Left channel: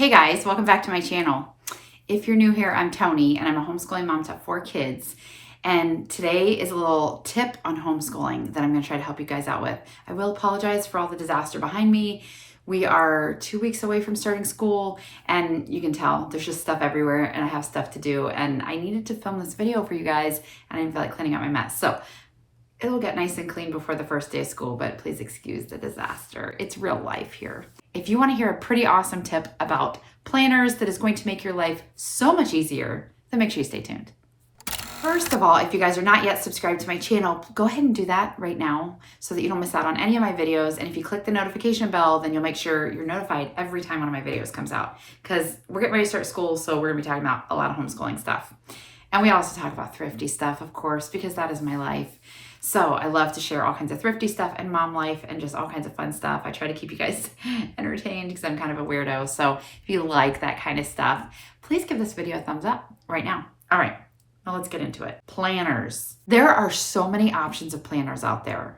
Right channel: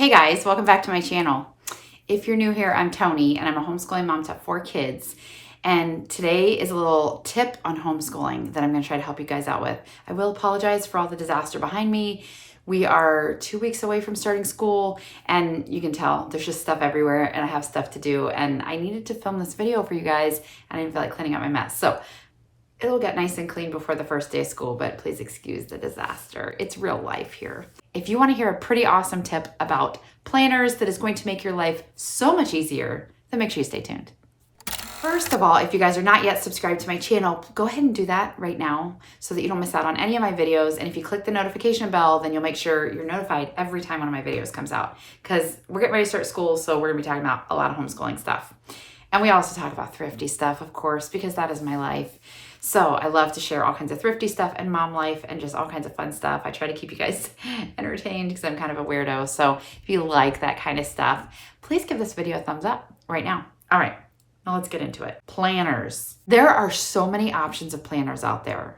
Hey guys, welcome back to my channel. If you're new here, I'm Toni and I'm a homeschooling mom to 4 kids. And today is a little tip on homeschooling that I'm going to try to help you guys out with. I will apologize for all the disaster behind me. We are 2 weeks away from starting school and you can tell there's just stuff everywhere and I have stuff to do. And I needed to film this video for you guys and I didn't feel like cleaning up my mess. So it'll get nice and clean before the first day of school, but please excuse the disaster. It's real life here. If you want to hear a pretty awesome tip about planners that is going to make your life so much easier, then make sure you stay tuned. First of all, if you guys are not yet subscribed to my channel, go ahead and do that right now so that you don't miss out on any of my videos. And if you click the notification bell, then you'll make sure you're notified every time one of my videos comes out, because we're getting ready to start school, so we're gonna be talking about a lot of homeschooling stuff. And we also talk about thrifty stuff, of course, because that is my life. So I love to share all kinds of thrifty stuff and mom life and just all kinds of fun stuff. I try to keep you guys entertained because I'm kind of a weirdo. So if you like that kind of stuff, please give this video a thumbs up right now. All right, now let's get into it. Planners. There are so many options of planners out there.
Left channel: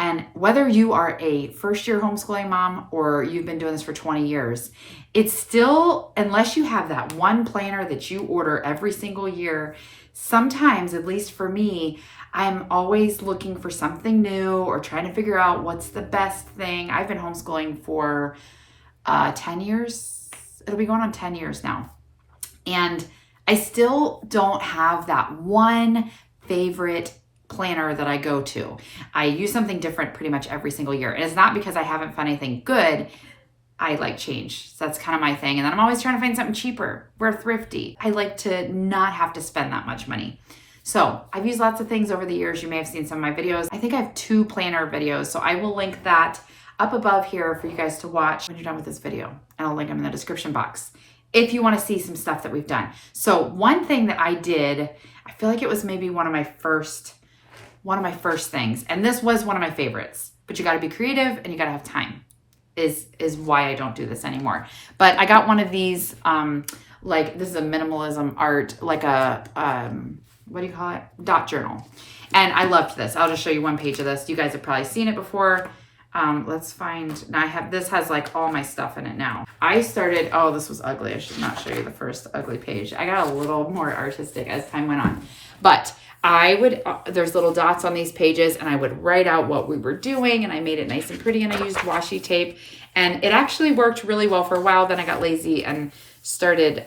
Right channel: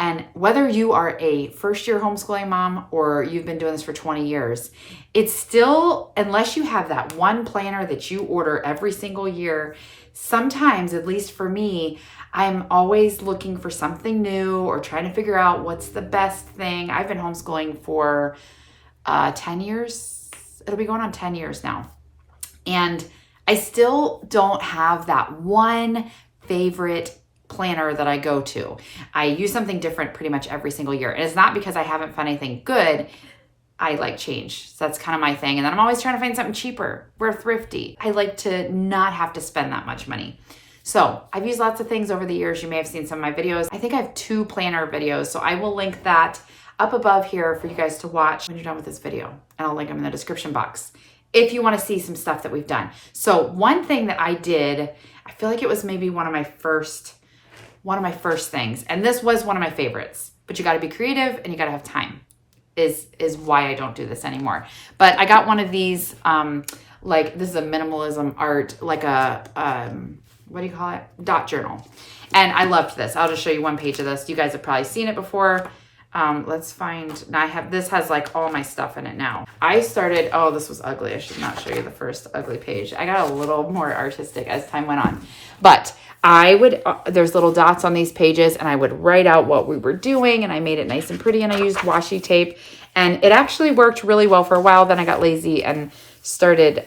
And whether you are a first-year homeschooling mom or you've been doing this for 20 years, it's still, unless you have that one planner that you order every single year, sometimes, at least for me, I'm always looking for something new or trying to figure out what's the best thing. I've been homeschooling for 10 years. It'll be going on 10 years now. And I still don't have that one favorite planner that I go to. I use something different pretty much every single year. And it's not because I haven't found anything good. I like change. So that's kind of my thing. And then I'm always trying to find something cheaper. We're thrifty. I like to not have to spend that much money. So I've used lots of things over the years. You may have seen some of my videos. I think I have 2 planner videos. So I will link that up above here for you guys to watch when you're done with this video. And I'll link them in the description box if you want to see some stuff that we've done. So one thing that I did, I feel like it was maybe one of my first things. And this was one of my favorites, but you got to be creative and you got to have time is why I don't do this anymore. But I got one of these, like this is a minimalism art, like a, what do you call it? Dot journal. And I loved this. I'll just show you one page of this. You guys have probably seen it before. Let's find, now this has like all my stuff in it now. I started, oh, this was ugly. I should not show you the first ugly page. I got a little more artistic as time went on, but I would, there's little dots on these pages and I would write out what we were doing and I made it nice and pretty and I used washi tape and it actually worked really well for a while. Then I got lazy and started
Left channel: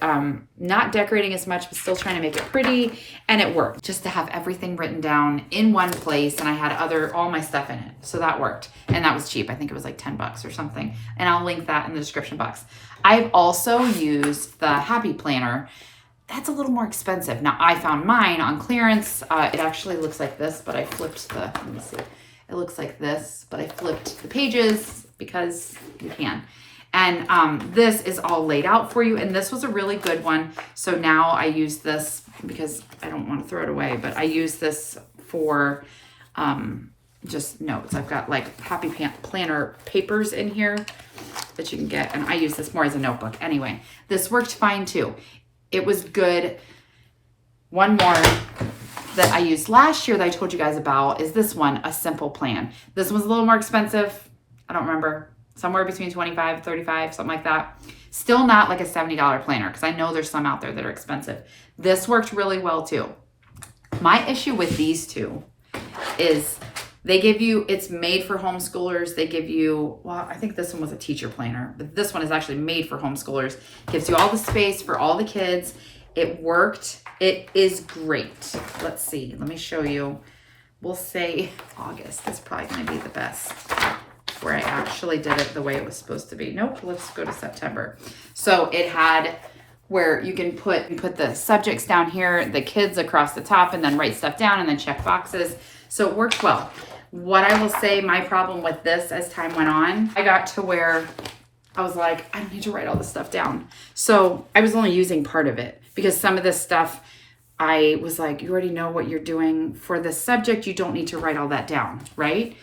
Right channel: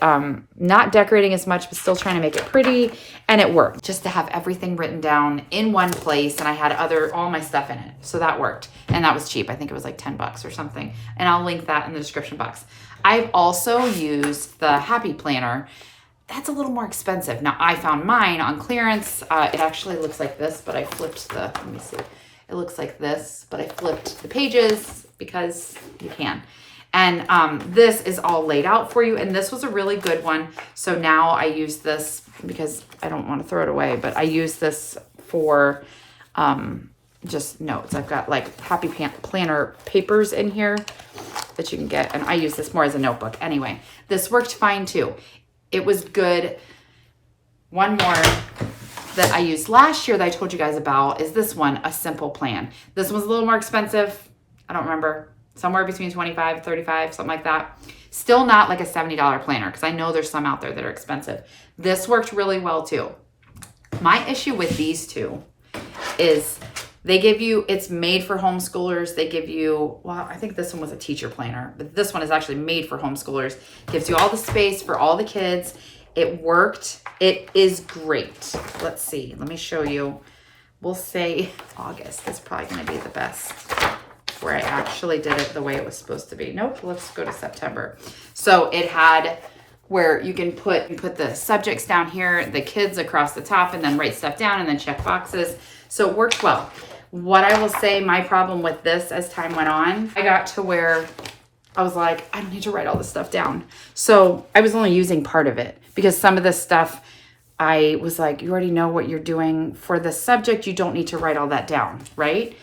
not decorating as much, but still trying to make it pretty, and it worked. Just to have everything written down in one place, and I had all my stuff in it, so that worked, and that was cheap. I think it was like 10 bucks or something, and I'll link that in the description box. I've also used the Happy Planner. That's a little more expensive. Now, I found mine on clearance. It actually looks like this, but I flipped the, let me see. It looks like this, but I flipped the pages because you can. And this is all laid out for you. And this was a really good one. So now I use this because I don't want to throw it away, but I use this for just notes. I've got like Happy Planner papers in here that you can get. And I use this more as a notebook. Anyway, this worked fine too. It was good. One more that I used last year that I told you guys about is this one, A Simple Plan. This one's a little more expensive. I don't remember. Somewhere between 25 and 35, something like that. Still not like a $70 planner because I know there's some out there that are expensive. This worked really well too. My issue with these two is they give you, it's made for homeschoolers. They give you, well, I think this one was a teacher planner, but this one is actually made for homeschoolers. Gives you all the space for all the kids. It worked. It is great. Let's see. Let me show you. We'll say August is probably going to be the best, where I actually did it the way it was supposed to be. Nope, let's go to September. So it had where you can put the subjects down here, the kids across the top, and then write stuff down and then check boxes. So it worked well. What I will say, my problem with this as time went on, I got to where I was like, I don't need to write all this stuff down. So I was only using part of it because some of this stuff, I was like, you already know what you're doing for this subject. You don't need to write all that down, right?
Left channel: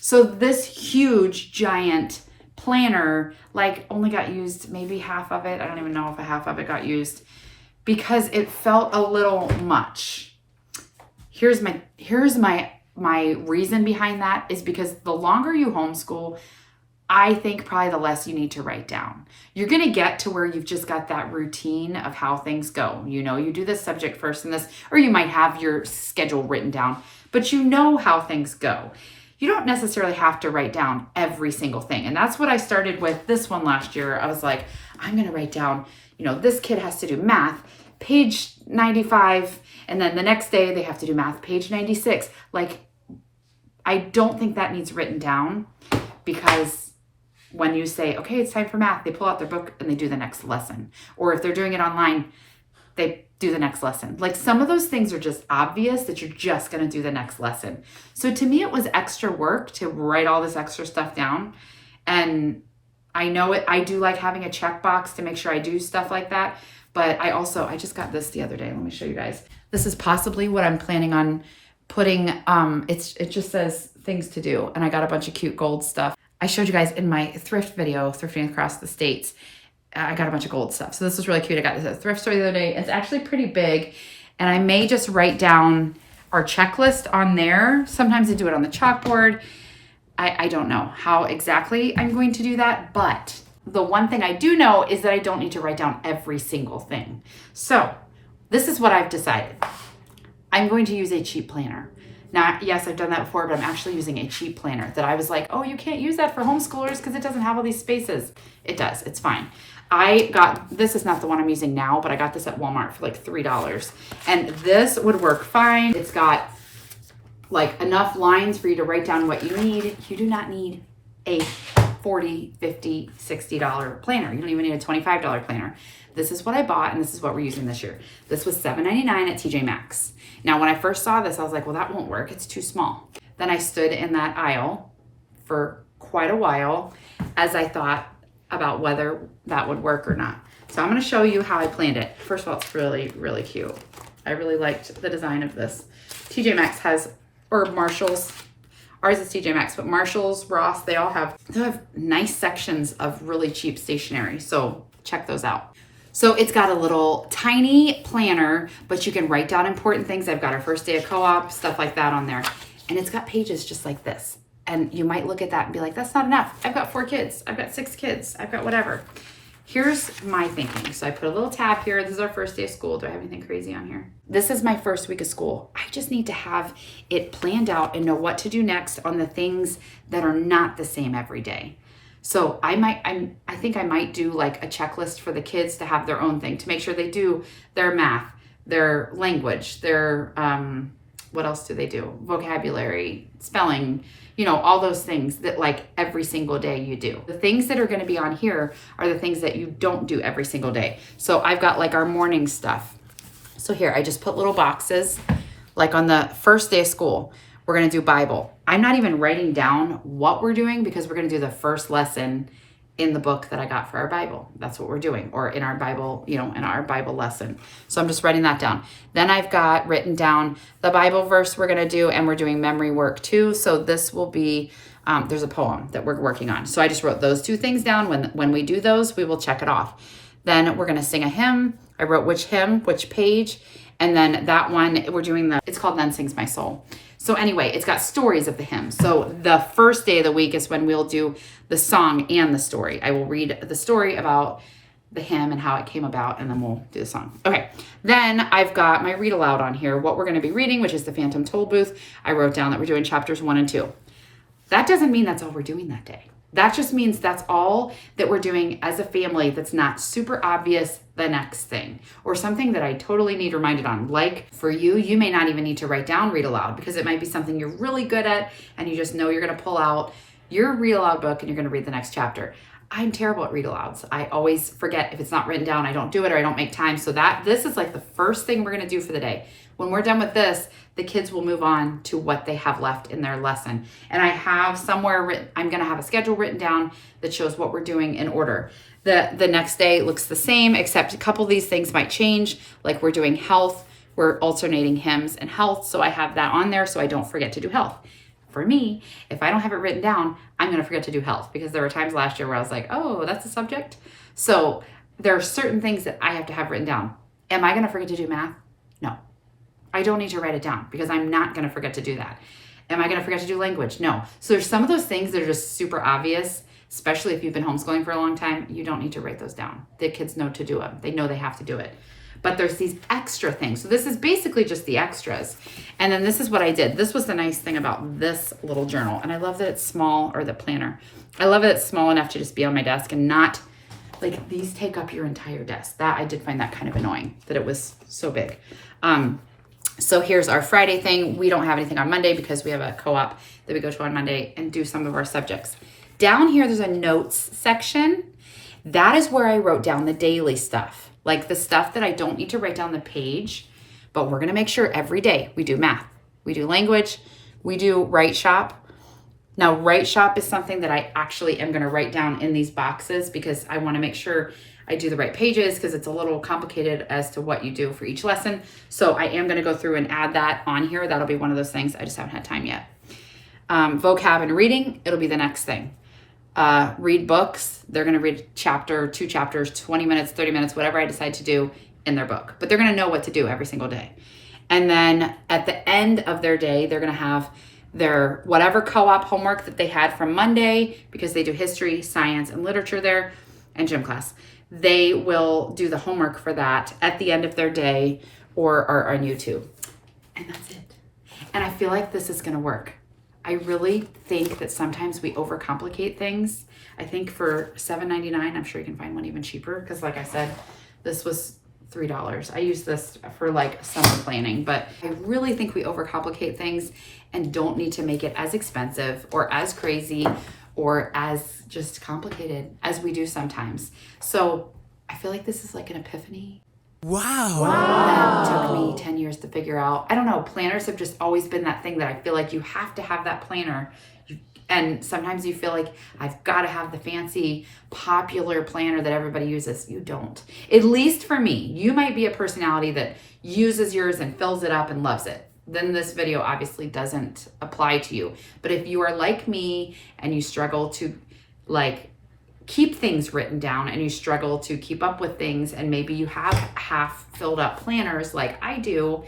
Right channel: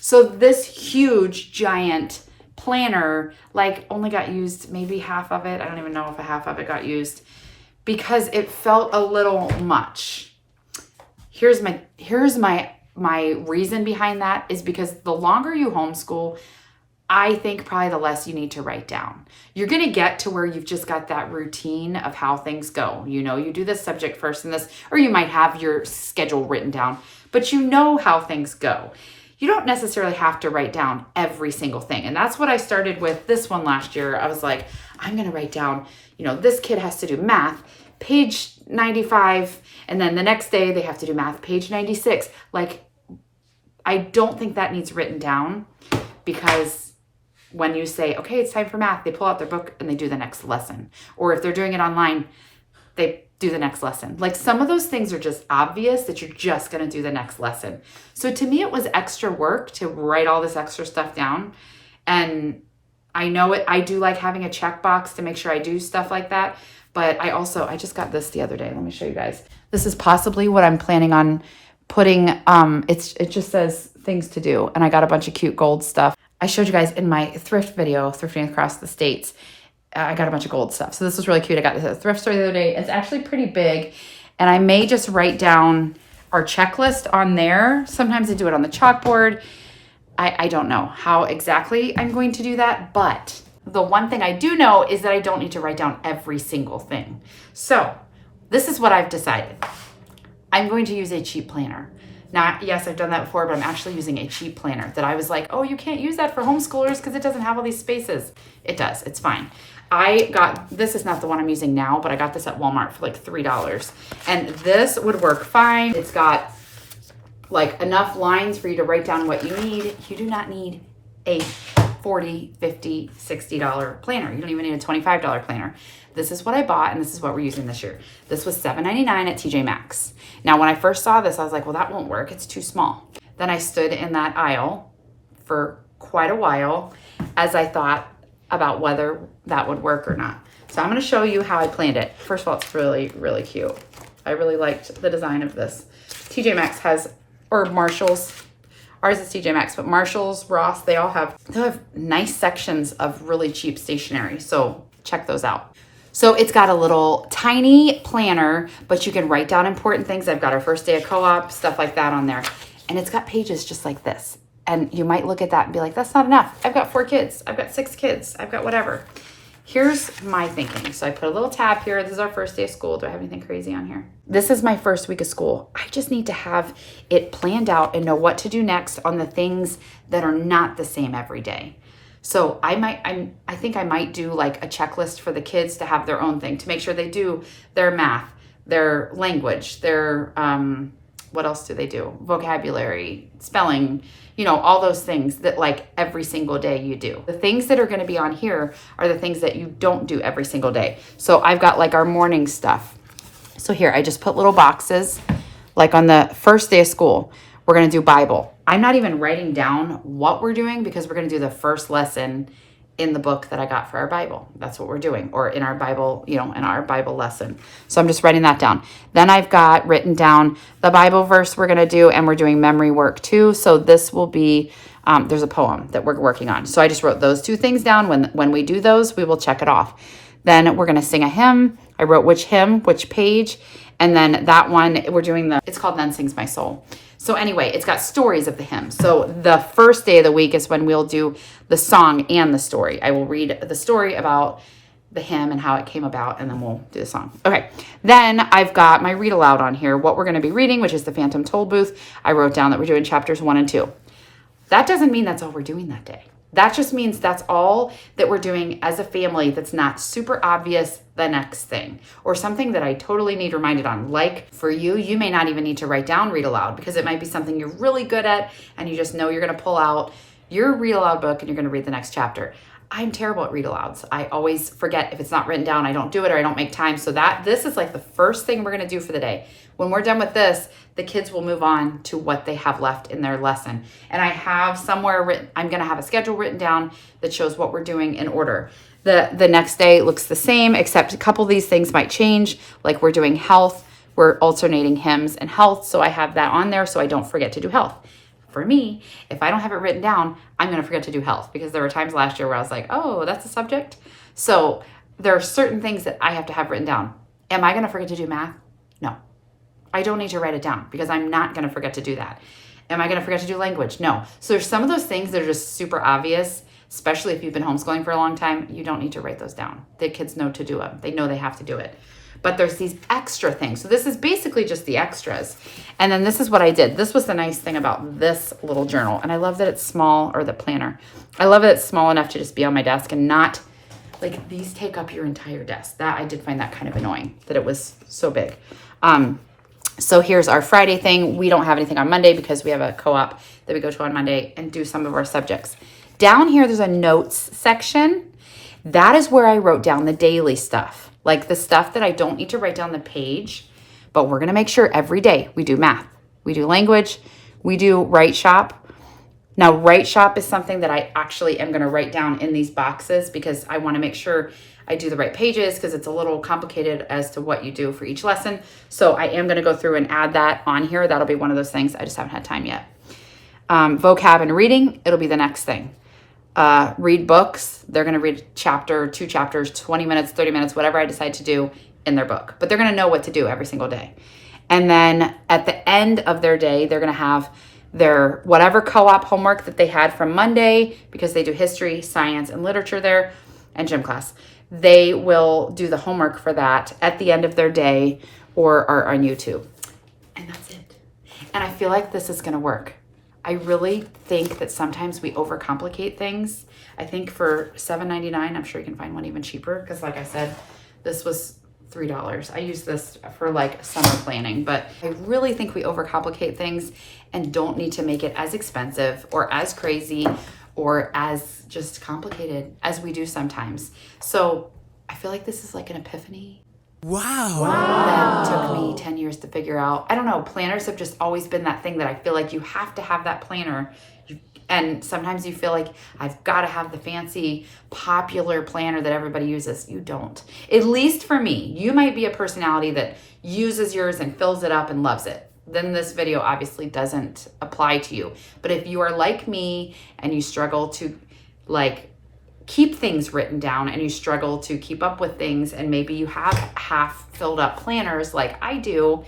So this huge, giant planner, like only got used maybe half of it. I don't even know if a half of it got used because it felt a little much. Here's my reason behind that is because the longer you homeschool, I think probably the less you need to write down. You're going to get to where you've just got that routine of how things go. You know, you do this subject first and this, or you might have your schedule written down, but you know how things go. You don't necessarily have to write down every single thing. And that's what I started with this one last year. I was like, I'm going to write down, you know, this kid has to do math, page 95, and then the next day they have to do math, page 96. Like, I don't think that needs written down, because when you say, okay, it's time for math, they pull out their book and they do the next lesson. Or if they're doing it online, they do the next lesson. Like, some of those things are just obvious that you're just going to do the next lesson. So to me, it was extra work to write all this extra stuff down. And I know I do like having a checkbox to make sure I do stuff like that. But I just got this the other day. Let me show you guys. This is possibly what I'm planning on putting. It just says things to do. And I got a bunch of cute gold stuff. I showed you guys in my thrift video, thrifting across the states. I got a bunch of gold stuff. So this was really cute. I got this at a thrift store the other day. It's actually pretty big. And I may just write down our checklist on there. Sometimes I do it on the chalkboard. I don't know how exactly I'm going to do that. But the one thing I do know is that I don't need to write down every single thing. So this is what I've decided. I'm going to use a cheap planner. Now, yes, I've done that before, but I'm actually using a cheap planner that I was like, oh, you can't use that for homeschoolers because it doesn't have all these spaces. It does. It's fine. This is not the one I'm using now, but I got this at Walmart for like $3. And this would work fine. It's got like enough lines for you to write down what you need. You do not need a $40, $50, $60 planner. You don't even need a $25 planner. This is what I bought, and this is what we're using this year. This was $7.99 at TJ Maxx. Now, when I first saw this, I was like, well, that won't work. It's too small. Then I stood in that aisle for quite a while as I thought about whether that would work or not. So I'm going to show you how I planned it. First of all, it's really, really cute. I really liked the design of this. TJ Maxx has, or Marshall's, ours is TJ Maxx, but Marshall's, Ross, they have nice sections of really cheap stationery. So check those out. So it's got a little tiny planner, but you can write down important things. I've got our first day of co-op, stuff like that on there. And it's got pages just like this. And you might look at that and be like, that's not enough. I've got 4 kids. I've got 6 kids. I've got whatever. Here's my thinking. So I put a little tab here. This is our first day of school. Do I have anything crazy on here? This is my first week of school. I just need to have it planned out and know what to do next on the things that are not the same every day. So I think I might do like a checklist for the kids to have their own thing, to make sure they do their math, their language, their, what else do they do? Vocabulary, spelling, you know, all those things that like every single day you do. The things that are going to be on here are the things that you don't do every single day. So I've got like our morning stuff. So here, I just put little boxes, like on the first day of school, we're going to do Bible. I'm not even writing down what we're doing because we're going to do the first lesson in the book that I got for our Bible. That's what we're doing, or in our Bible, you know, in our Bible lesson. So I'm just writing that down. Then I've got written down the Bible verse we're going to do, and we're doing memory work too. So this will be, there's a poem that we're working on. So I just wrote those 2 things down. When we do those, we will check it off. Then we're going to sing a hymn. I wrote which hymn, which page. And then that one, we're doing it's called Then Sings My Soul. So anyway, it's got stories of the hymn. So the first day of the week is when we'll do the song and the story. I will read the story about the hymn and how it came about, and then we'll do the song. Okay, then I've got my read aloud on here, what we're going to be reading, which is the Phantom Toll Booth. I wrote down that we're doing chapters 1 and 2. That doesn't mean that's all we're doing that day. That just means that's all that we're doing as a family that's not super obvious the next thing, or something that I totally need reminded on. Like for you, you may not even need to write down read aloud because it might be something you're really good at and you just know you're going to pull out your read aloud book and you're going to read the next chapter. I'm terrible at read alouds. I always forget if it's not written down, I don't do it or I don't make time. So this is like the first thing we're going to do for the day. When we're done with this, the kids will move on to what they have left in their lesson. And I have somewhere written, I'm going to have a schedule written down that shows what we're doing in order. The next day looks the same, except a couple of these things might change. Like we're doing health, we're alternating hymns and health. So I have that on there so I don't forget to do health. For me, if I don't have it written down, I'm going to forget to do health, because there were times last year where I was like, oh, that's a subject. So there are certain things that I have to have written down. Am I going to forget to do math? No. I don't need to write it down because I'm not going to forget to do that. Am I going to forget to do language? No. So there's some of those things that are just super obvious. especially if you've been homeschooling for a long time, you don't need to write those down. The kids know to do them. They know they have to do it. But there's these extra things. So this is basically just the extras. And then this is what I did. This was the nice thing about this little journal. And I love that it's small, or the planner. I love that it's small enough to just be on my desk and not, like, these take up your entire desk. That, I did find that kind of annoying, that it was so big. So here's our Friday thing. We don't have anything on Monday because we have a co-op that we go to on Monday and do some of our subjects. Down here, there's a notes section. That is where I wrote down the daily stuff. Like the stuff that I don't need to write down the page, but we're going to make sure every day we do math, we do language, we do write shop. Now, write shop is something that I actually am going to write down in these boxes because I want to make sure I do the right pages because it's a little complicated as to what you do for each lesson. So I am going to go through and add that on here. That'll be one of those things. I just haven't had time yet. Vocab and reading, it'll be the next thing. Read books. They're going to read chapter, 2 chapters, 20 minutes, 30 minutes, whatever I decide to do in their book. But they're going to know what to do every single day. And then at the end of their day, they're going to have their whatever co-op homework that they had from Monday, because they do history, science, and literature there, and gym class. They will do the homework for that at the end of their day or are on YouTube. And that's it. And I feel like this is going to work. I really think that sometimes we overcomplicate things. I think for $7.99, I'm sure you can find one even cheaper because, like I said, this was $3. I use this for like summer planning, but I really think we overcomplicate things and don't need to make it as expensive or as crazy or as just complicated as we do sometimes. So I feel like this is like an epiphany. Wow. That took me 10 years to figure out. I don't know. Planners have just always been that thing that I feel like you have to have that planner. And sometimes you feel like I've got to have the fancy popular planner that everybody uses. You don't. At least for me. You might be a personality that uses yours and fills it up and loves it. Then this video obviously doesn't apply to you. But if you are like me and you struggle to like keep things written down and you struggle to keep up with things and maybe you have half filled up planners like I do,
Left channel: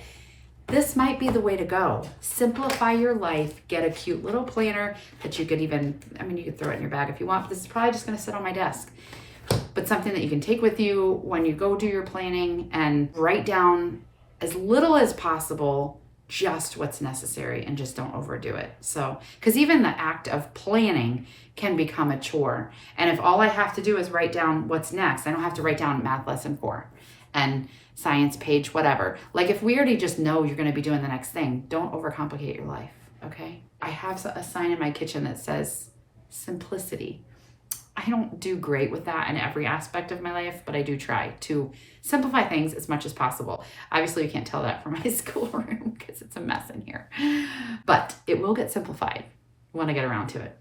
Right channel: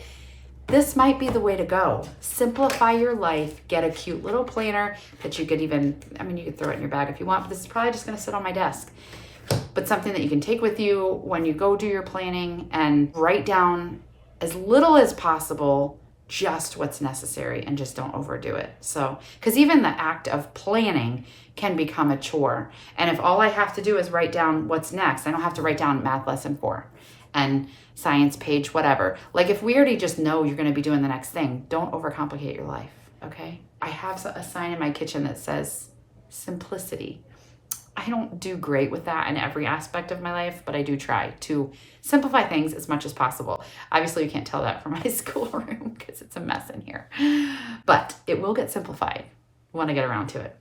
this might be the way to go. Simplify your life, get a cute little planner that you could even, I mean, you could throw it in your bag if you want, but this is probably just gonna sit on my desk. But something that you can take with you when you go do your planning and write down as little as possible, just what's necessary, and just don't overdo it. So, because even the act of planning can become a chore. And if all I have to do is write down what's next, I don't have to write down math lesson 4 and science page, whatever. Like if we already just know you're going to be doing the next thing, don't overcomplicate your life, okay? I have a sign in my kitchen that says simplicity. I don't do great with that in every aspect of my life, but I do try to simplify things as much as possible. Obviously, you can't tell that from my schoolroom because it's a mess in here, but it will get simplified when I get around to it.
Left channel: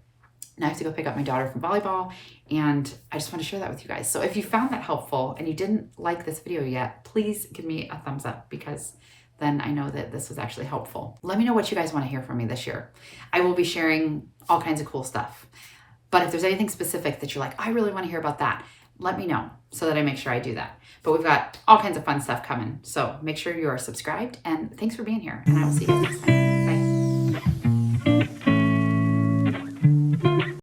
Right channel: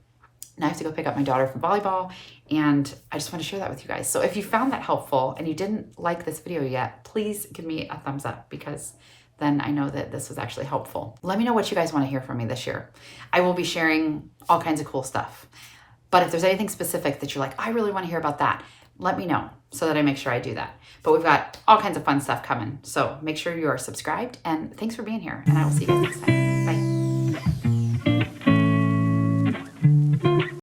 Now I have to go pick up my daughter from volleyball, and I just want to share that with you guys. So if you found that helpful and you didn't like this video yet, please give me a thumbs up because then I know that this was actually helpful. Let me know what you guys want to hear from me this year. I will be sharing all kinds of cool stuff. But if there's anything specific that you're like, I really want to hear about that, let me know so that I make sure I do that. But we've got all kinds of fun stuff coming. So make sure you are subscribed, and thanks for being here, and I will see you guys next time.